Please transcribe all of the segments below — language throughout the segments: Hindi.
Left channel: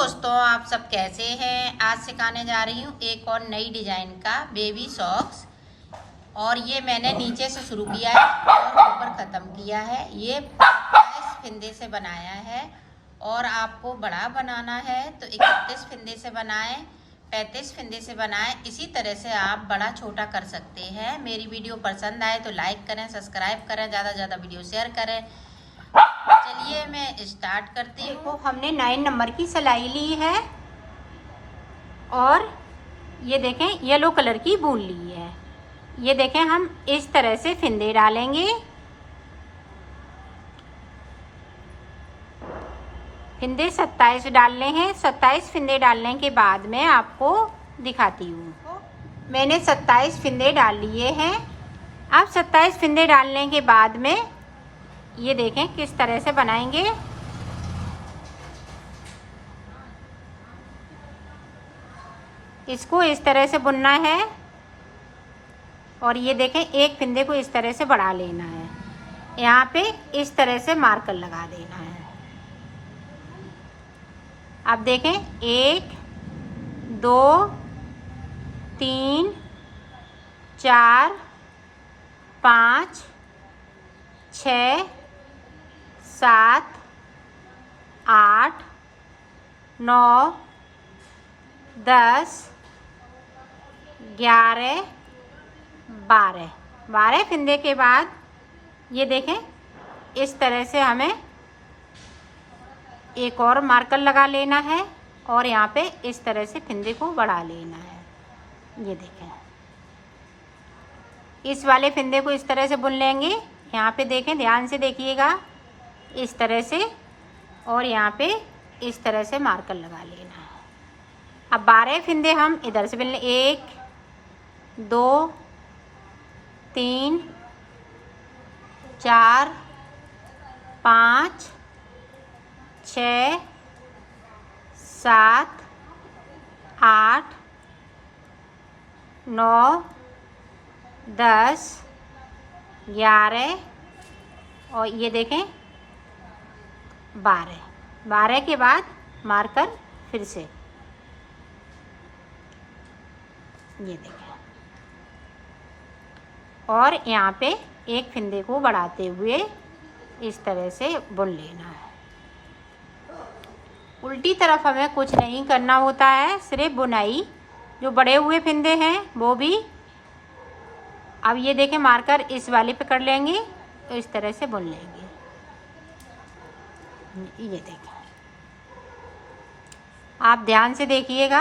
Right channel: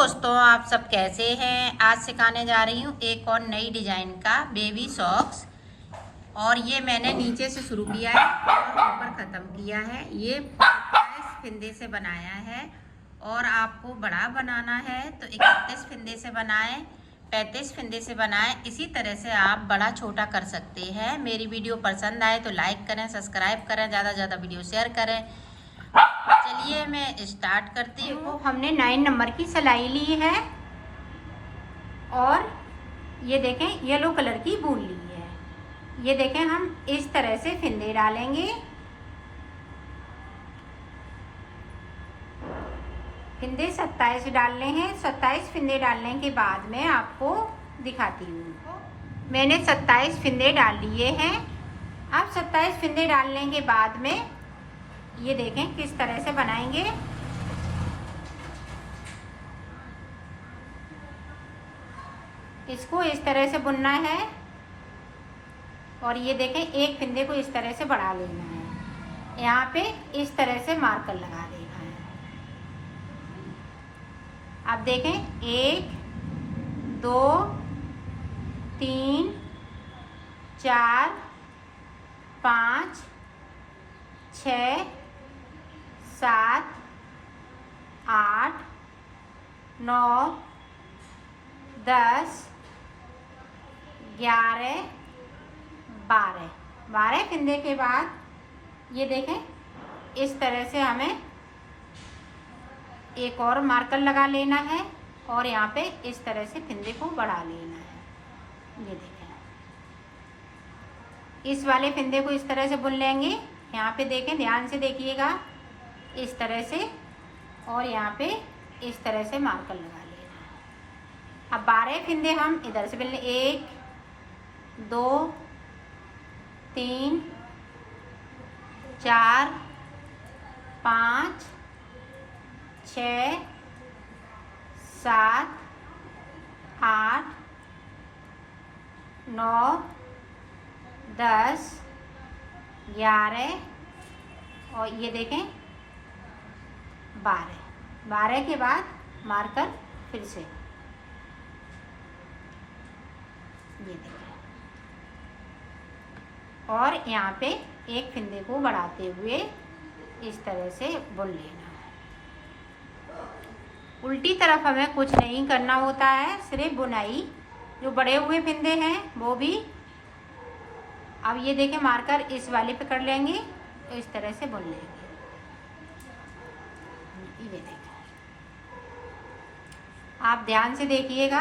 दोस्तों, आप सब कैसे हैं। आज सिखाने जा रही हूँ एक और नई डिजाइन का बेबी सॉक्स। और ये मैंने नीचे से शुरू किया है और ऊपर ख़त्म किया है। ये 27 फिंदे से बनाया है और आपको बड़ा बनाना है तो 31 फिंदे से बनाएं, 35 फिंदे से बनाएं। इसी तरह से आप बड़ा छोटा कर सकते हैं। मेरी वीडियो पसंद आए तो लाइक करें, सब्सक्राइब करें, ज़्यादा से ज़्यादा वीडियो शेयर करें। चलिए मैं स्टार्ट करती हूँ। हमने 9 नंबर की सिलाई ली है और ये देखें येलो कलर की वूल ली है। ये देखें हम इस तरह से फिंदे डालेंगे। फिंदे 27 डालने हैं। 27 फिंदे डालने के बाद में आपको दिखाती हूँ। मैंने 27 फिंदे डाल लिए हैं। अब 27 फिंदे डालने के बाद में ये देखें किस तरह से बनाएंगे। इसको इस तरह से बुनना है और ये देखें एक फिंदे को इस तरह से बढ़ा लेना है। यहाँ पे इस तरह से मार्कर लगा देना है। अब देखें 1 2 3 4 5 6 7 8 9 10 11 12 फिंदे के बाद ये देखें इस तरह से हमें एक और मार्कर लगा लेना है और यहाँ पे इस तरह से फिंदे को बढ़ा लेना है। ये देखें इस वाले फिंदे को इस तरह से बुन लेंगे। यहाँ पे देखें, ध्यान से देखिएगा, इस तरह से और यहाँ पे इस तरह से मार्कर लगा लेना है। अब 12 फिंदे हम इधर से बुन लें। 1 2 3 4 5 6 7 8 9 10 11 और ये देखें 12 के बाद मार्कर फिर से ये देखें और यहाँ पे एक फिंदे को बढ़ाते हुए इस तरह से बुन लेना है। उल्टी तरफ हमें कुछ नहीं करना होता है, सिर्फ बुनाई। जो बड़े हुए फिंदे हैं वो भी। अब ये देखें मार्कर इस वाले पे कर लेंगे तो इस तरह से बुन लेंगे। ये देखें, आप ध्यान से देखिएगा।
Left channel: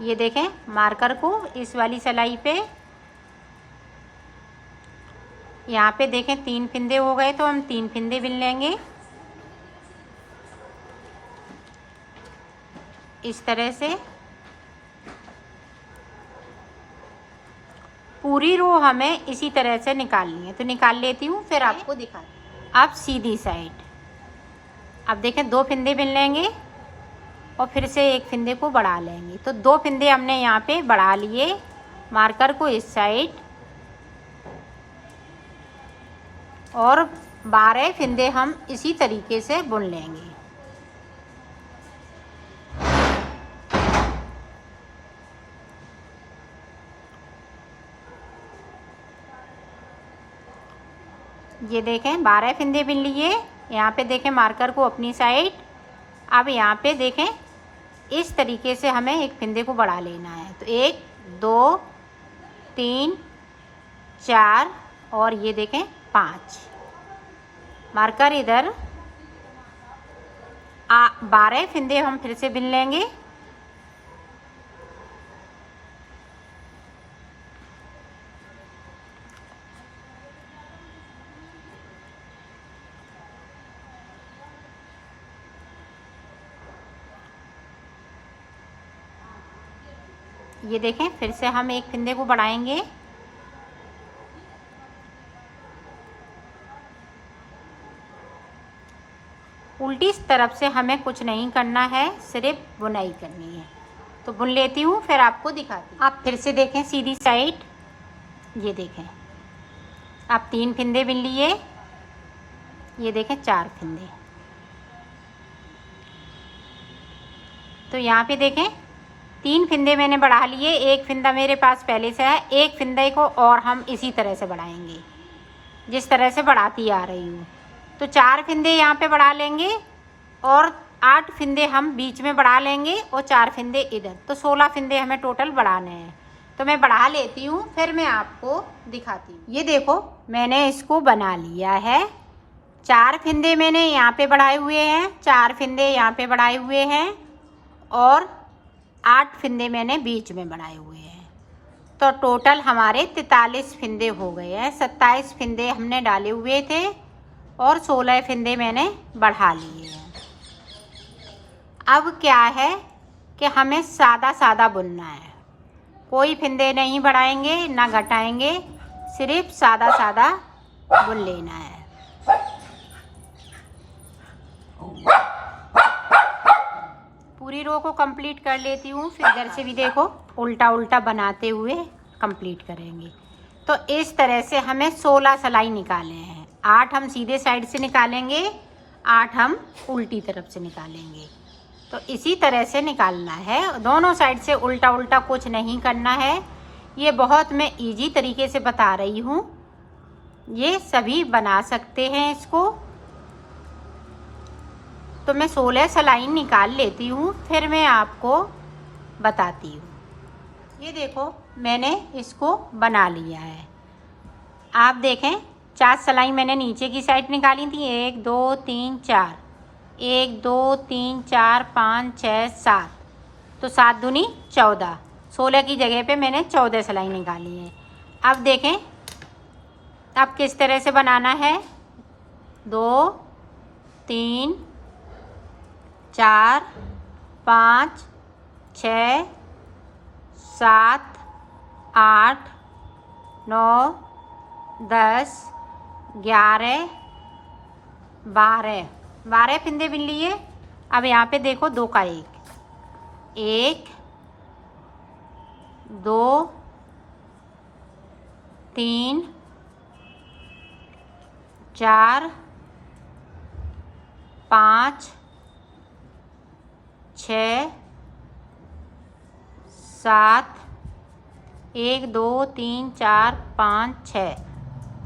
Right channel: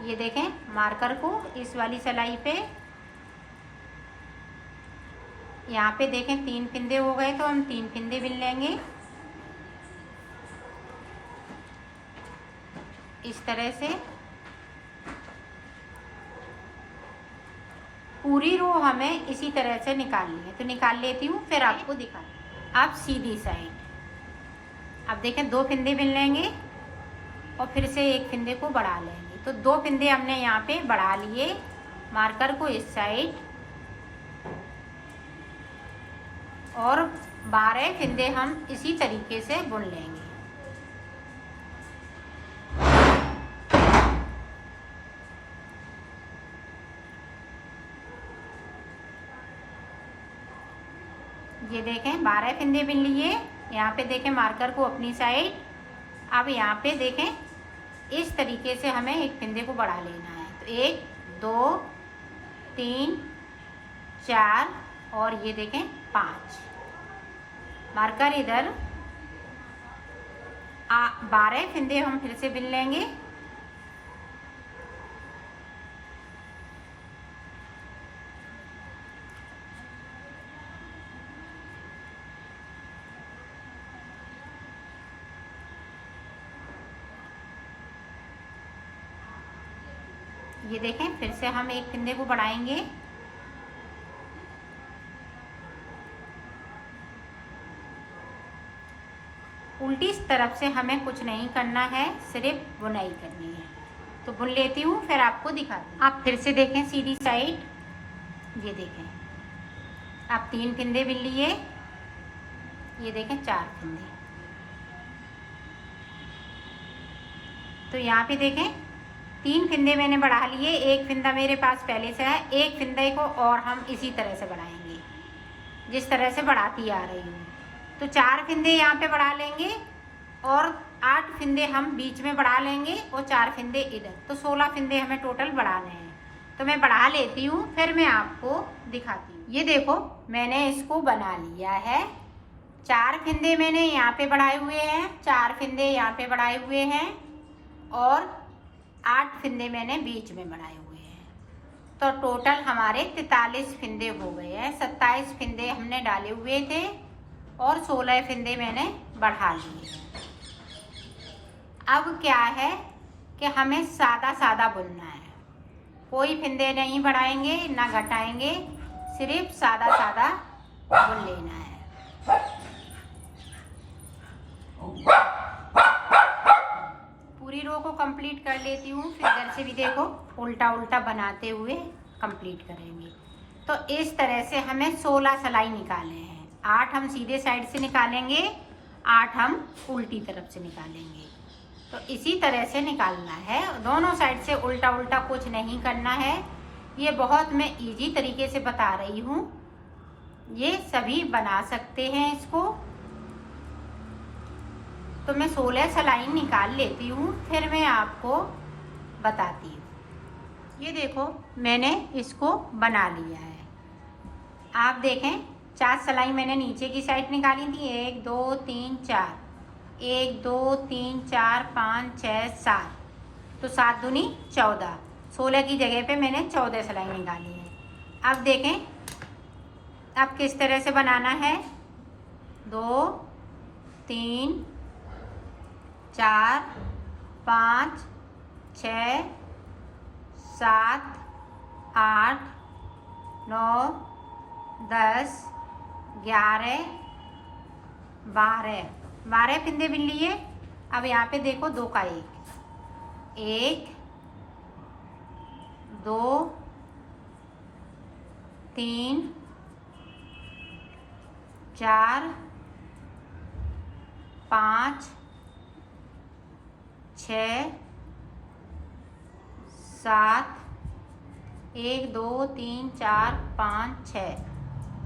ये देखें मार्कर को इस वाली सिलाई पे, यहाँ पे देखें 3 फिंदे हो गए तो हम 3 फिंदे बिन लेंगे इस तरह से। पूरी रो हमें इसी तरह से निकालनी है तो निकाल लेती हूँ, फिर आपको दिखा। अब सीधी साइड, अब देखें 2 फिंदे बिन लेंगे और फिर से एक फिंदे को बढ़ा लेंगे। तो 2 फिंदे हमने यहाँ पे बढ़ा लिए। मार्कर को इस साइड और 12 फिंदे हम इसी तरीके से बुन लेंगे। ये देखें 12 फिंदे बिन लिए। यहाँ पे देखें मार्कर को अपनी साइड। अब यहाँ पे देखें इस तरीके से हमें एक फिंदे को बढ़ा लेना है। तो 1 2 3 4 और ये देखें 5। मार्कर इधर 12 फिंदे हम फिर से बिन लेंगे। ये देखें फिर से हम एक फिंदे को बढ़ाएंगे। उल्टी तरफ से हमें कुछ नहीं करना है, सिर्फ बुनाई करनी है। तो बुन लेती हूँ, फिर आपको दिखाती हूँ। आप फिर से देखें सीधी साइड, ये देखें आप 3 फंदे बुन लिए, ये देखें 4 फंदे। तो यहाँ पे देखें 3 फंदे मैंने बढ़ा लिए, एक फंदा मेरे पास पहले से है, एक फंदे को और हम इसी तरह से बढ़ाएंगे जिस तरह से बढ़ाती आ रही हूँ। तो 4 फंदे यहाँ पे बढ़ा लेंगे और 8 फंदे हम बीच में बढ़ा लेंगे और 4 फंदे इधर, तो 16 फंदे हमें टोटल बढ़ाने हैं। तो मैं बढ़ा लेती हूँ, फिर मैं आपको दिखाती हूँ। ये देखो मैंने इसको बना लिया है। 4 फंदे मैंने यहाँ पे बढ़ाए हुए हैं, 4 फंदे यहाँ पे बढ़ाए हुए हैं और 8 फंदे मैंने बीच में बनाए हुए हैं। तो टोटल हमारे 43 फंदे हो गए हैं। 27 फंदे हमने डाले हुए थे और 16 फंदे मैंने बढ़ा लिए हैं। अब क्या है कि हमें सादा सादा बुनना है, कोई फंदे नहीं बढ़ाएंगे ना घटाएंगे, सिर्फ सादा सादा बुन लेना है। पूरी रो को कंप्लीट कर लेती हूँ, फिर इधर से भी देखो उल्टा उल्टा बनाते हुए कंप्लीट करेंगे। तो इस तरह से हमें 16 सिलाई निकाले हैं। 8 हम सीधे साइड से निकालेंगे, 8 हम उल्टी तरफ से निकालेंगे। तो इसी तरह से निकालना है, दोनों साइड से उल्टा उल्टा, कुछ नहीं करना है। ये बहुत मैं इजी तरीके से बता रही हूँ, ये सभी बना सकते हैं इसको। तो मैं 16 सिलाई निकाल लेती हूँ, फिर मैं आपको बताती हूँ। ये देखो मैंने इसको बना लिया है। आप देखें 4 सिलाई मैंने नीचे की साइड निकाली थी, 1 2 3 4, 1 2 3 4 5 6 7, तो 7 दूनी 14, 16 की जगह पे मैंने 14 सिलाई निकाली है। अब देखें अब किस तरह से बनाना है। 2 3 4 5 6 7 8 9 10 11 12 फंदे बुन लिए। अब यहाँ पे देखो 2 का 1 2 3 4 5 6 7, 1 2 3 4 5 6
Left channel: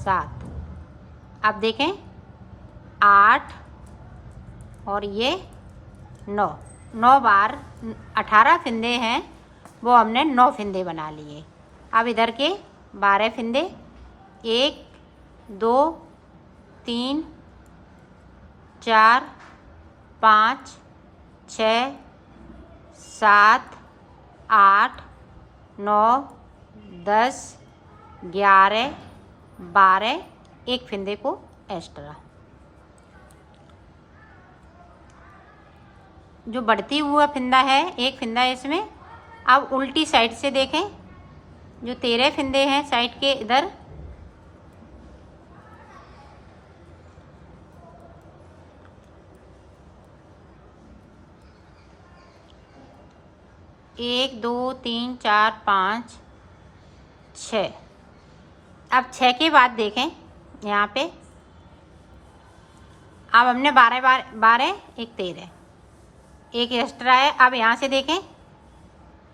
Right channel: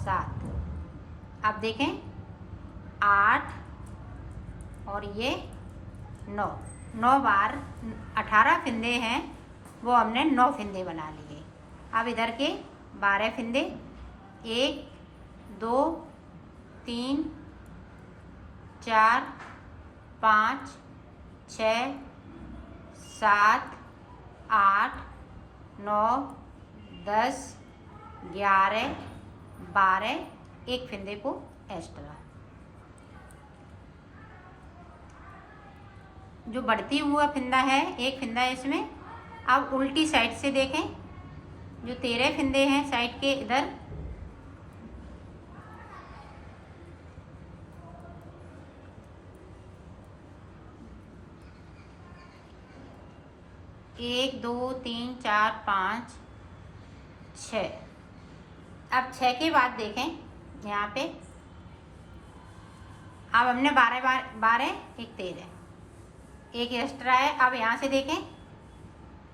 7, अब देखें 8 और ये 9 बार 18 फंदे हैं, वो हमने 9 फंदे बना लिए। अब इधर के 12 फंदे, 1 2 3 4 5 6 7 8 9 10 11 12, एक फंदे को एक्स्ट्रा। जो बढ़ती हुआ फंदा है, एक फंदा इसमें। अब उल्टी साइड से देखें, जो 13 फंदे हैं साइड के इधर, एक 2 3 4 5 6। अब 6 के बाद देखें यहाँ पे, अब हमने 12 एक 13, एक एक्स्ट्रा है। अब यहाँ से देखें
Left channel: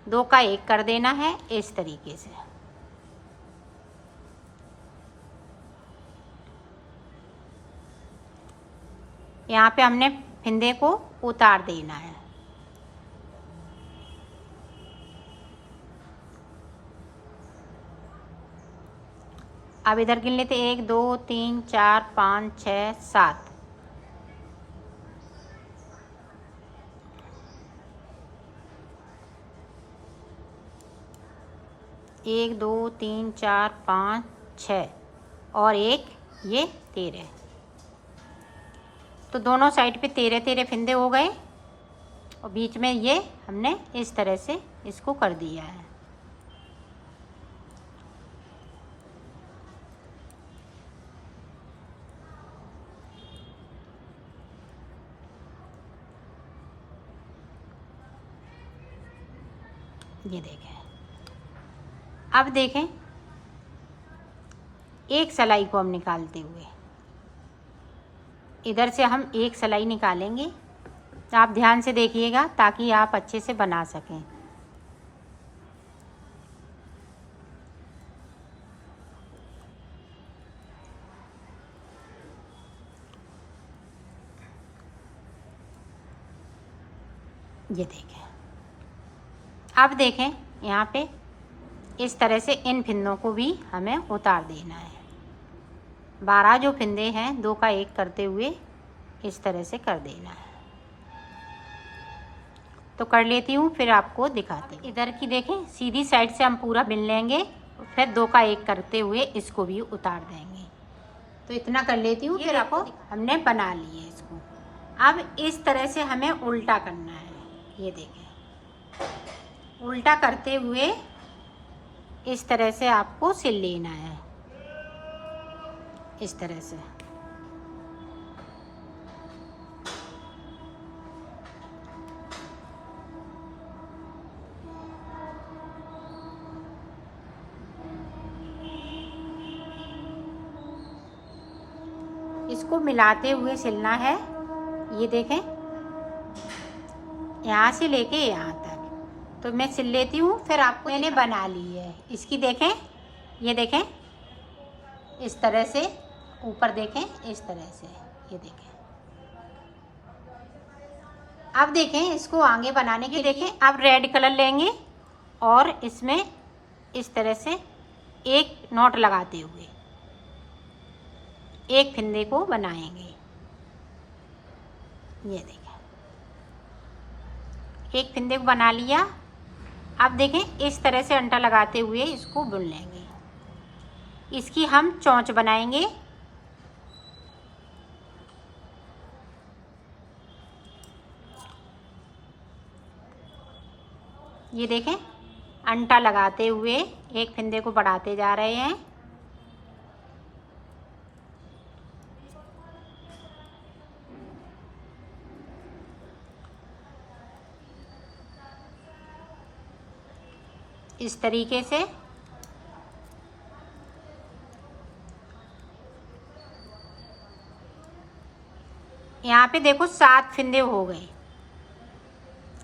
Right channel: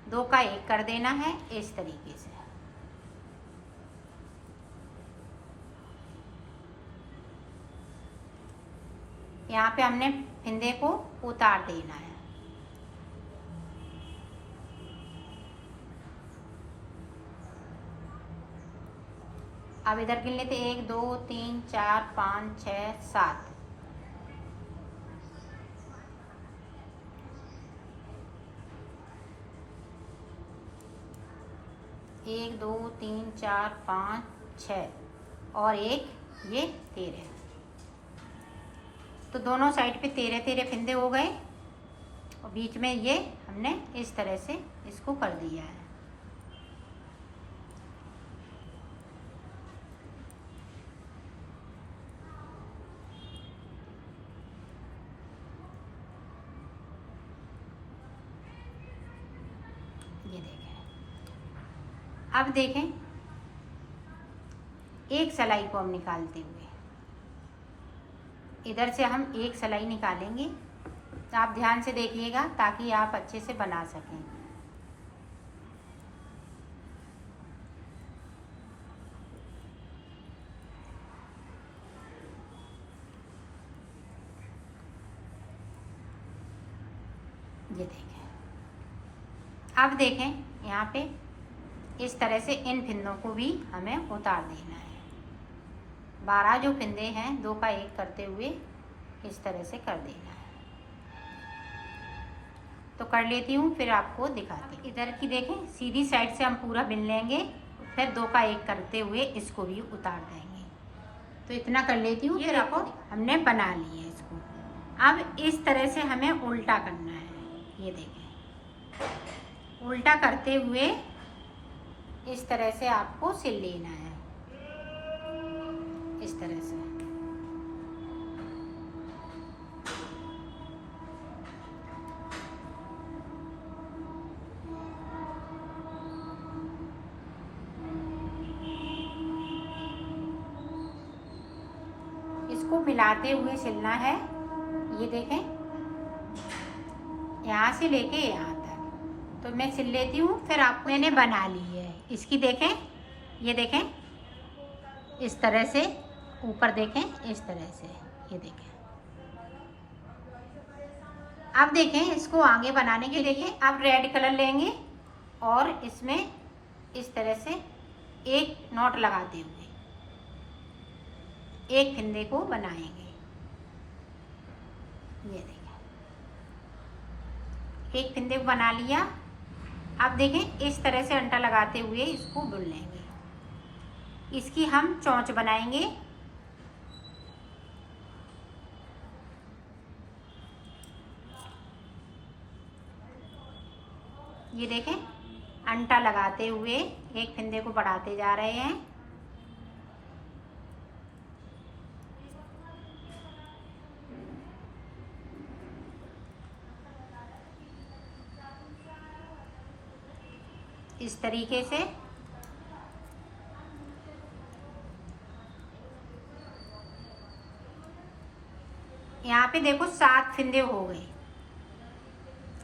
2 का 1 कर देना है इस तरीके से। यहाँ पे हमने फंदे को उतार देना है। अब इधर गिन लेते 1 2 3 4 5 6 7, 1 2 3 4 5 6 और एक ये 13, तो दोनों साइड पे 13 फंदे हो गए और बीच में ये हमने इस तरह से इसको कर दिया है। ये देखें। अब देखें, एक सिलाई को हम निकालते हुए इधर से हम एक सिलाई निकालेंगे। आप ध्यान से देखिएगा ताकि आप अच्छे से बना सकें। ये देखें। अब देखें, यहाँ पे इस तरह से इन फिंदों को भी हमें उतार देना है। 12 जो फिंदे हैं 2 का 1 करते हुए इस तरह से कर देना है। तो कर लेती हूँ, फिर आपको दिखाते हैं। इधर की देखें, सीधी साइड से हम पूरा बिन लेंगे, फिर 2 का 1 करते हुए इसको भी उतार देंगे। तो इतना कर लेती हूँ, फिर आपको हमने बना लिए इसको। अब इस तरह से हमें उल्टा करना है। ये देखें, उल्टा करते हुए इस तरह से आपको सिल लेना है, इस तरह से। इसको मिलाते हुए सिलना है। ये देखें, यहाँ से लेके यहाँ तक। तो मैं सिल लेती हूँ, फिर आपको मैंने बना ली है इसकी। देखें, ये देखें, इस तरह से ऊपर देखें, इस तरह से। ये देखें। अब देखें, इसको आगे बनाने के देखें, अब रेड कलर लेंगे और इसमें इस तरह से एक नॉट लगाते हुए एक फिंदे को बनाएंगे। ये देखें, एक फिंदे को बना लिया। अब देखें, इस तरह से अंटा लगाते हुए इसको बुन लेंगे। इसकी हम चोंच बनाएंगे। ये देखें, अंटा लगाते हुए एक फिंदे को बढ़ाते जा रहे हैं। इस तरीके से। यहाँ पे देखो 7 फिंदे हो गए।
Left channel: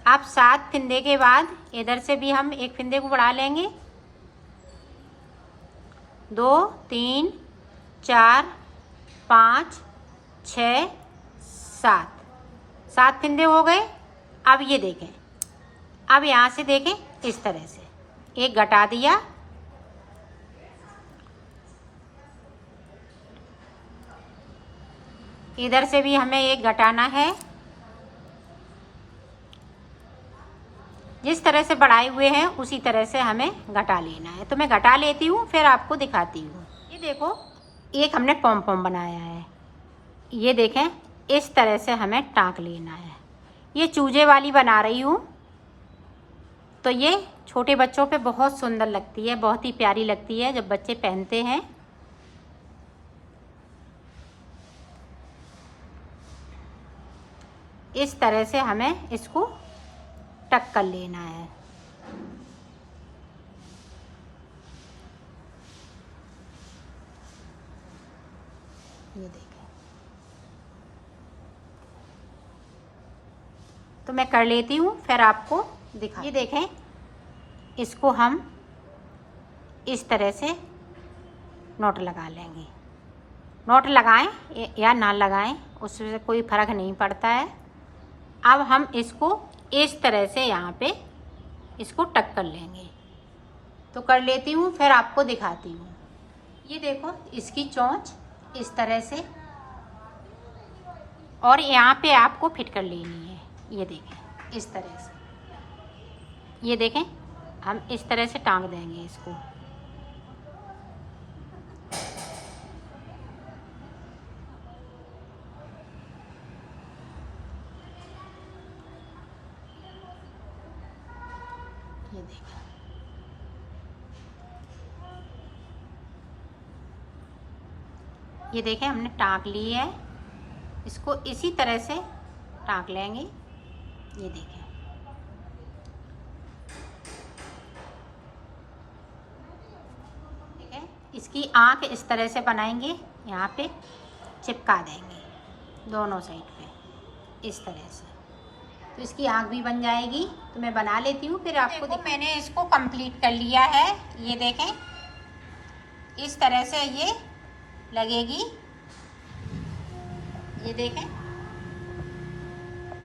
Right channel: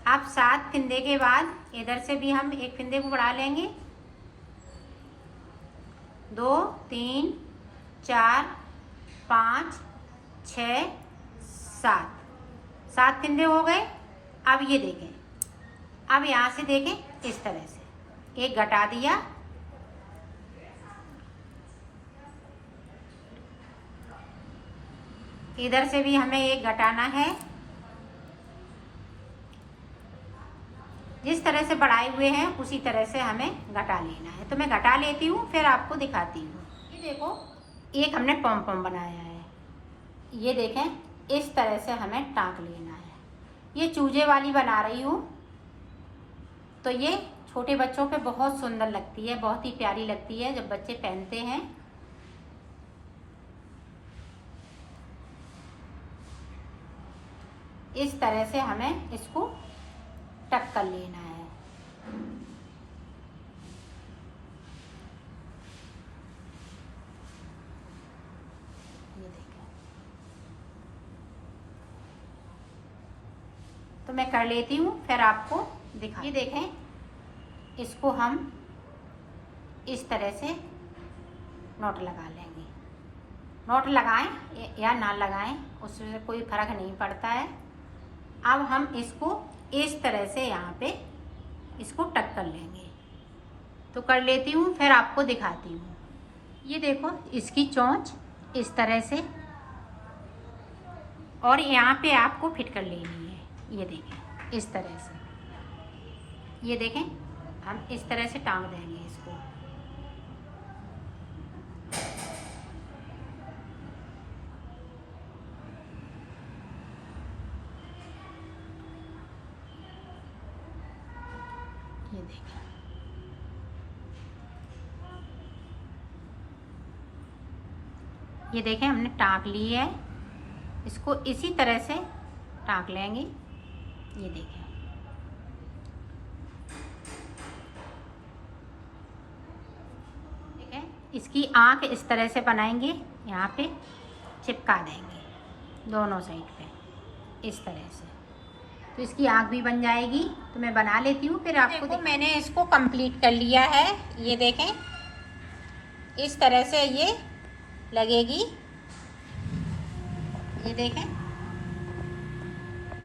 अब 7 फिंदे के बाद इधर से भी हम एक फिंदे को बढ़ा लेंगे। 2 3 4 5 6 7 फिंदे हो गए। अब ये देखें, अब यहाँ से देखें, इस तरह से एक घटा दिया। इधर से भी हमें एक घटाना है। जिस तरह से बढ़ाए हुए हैं उसी तरह से हमें घटा लेना है। तो मैं घटा लेती हूँ, फिर आपको दिखाती हूँ। ये देखो, एक हमने पॉम पॉम बनाया है। ये देखें, इस तरह से हमें टाँक लेना है। ये चूजे वाली बना रही हूँ। तो ये छोटे बच्चों पे बहुत सुंदर लगती है, बहुत ही प्यारी लगती है जब बच्चे पहनते हैं। इस तरह से हमें इसको टक कर लेना है। ये देखें, तो मैं कर लेती हूँ, फिर आपको दिखा। ये देखें, इसको हम इस तरह से नोट लगा लेंगे। नोट लगाएं या ना लगाएं उससे कोई फर्क नहीं पड़ता है। अब हम इसको इस तरह से यहाँ पे इसको टक कर लेंगे। तो कर लेती हूँ, फिर आपको दिखाती हूँ। ये देखो, इसकी चोंच इस तरह से, और यहाँ पे आपको फिट कर लेनी है। ये देखें, इस तरह से। ये देखें, हम इस तरह से टांग देंगे इसको। ये देखें, ये देखें, हमने टांक ली है। इसको इसी तरह से टांक लेंगे। ये देखें, इसकी आँख इस तरह से बनाएंगे, यहाँ पे चिपका देंगे दोनों साइड पे इस तरह से, तो इसकी आँख भी बन जाएगी। तो मैं बना लेती हूँ फिर आपको। देखो मैंने इसको कंप्लीट कर लिया है, ये देखें इस तरह से ये लगेगी, ये देखें